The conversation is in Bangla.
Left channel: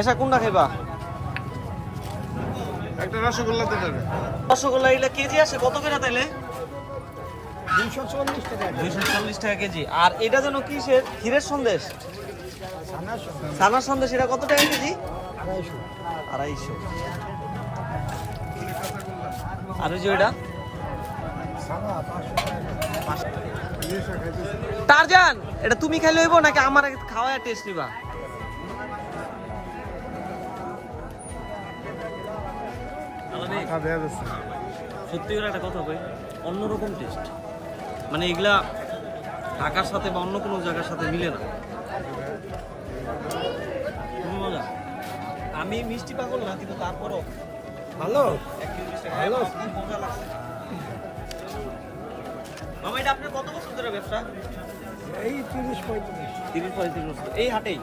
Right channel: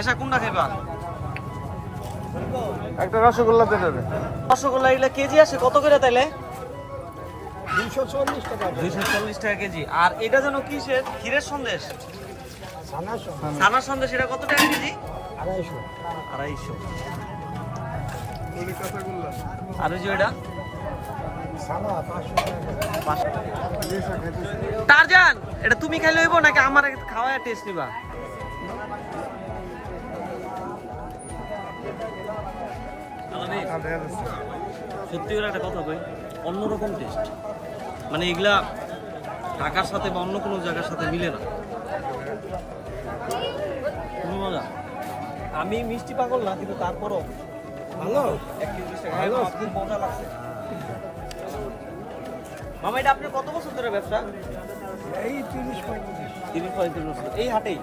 এসা কোনটা খাইবা? একটা রসগোল্লা দেবে। রসগোল্লা এগুলা কেজি আসে কত করে তাইলে? 240 টাকা। 240 টাকা কেজি। আর এটা যেন কিসের? ক্ষীরের সন্দেশ, ছানার সন্দেশ, এটা কত টাকা কেজি? 250। আর ওই যে ওইটা টারজান, এটা তুমি খাইলে হইব নাকি আমার খাওয়া টেস্ট নিবা? সত্যি করে একটা কথা কই, অন্যরকম টেস্ট, মানে এগুলা ঢাকার সাথে বা অন্য কোনো জায়গার সাথে মিলে না। তুমি মজা। আমি মিষ্টি পাগল না, কিন্তু তারপরও ভালো ভালো। মামা, এটা আপনার কত বছর ধরে ব্যবসা? এই 30-35 30-35 বছর এই হাটেই?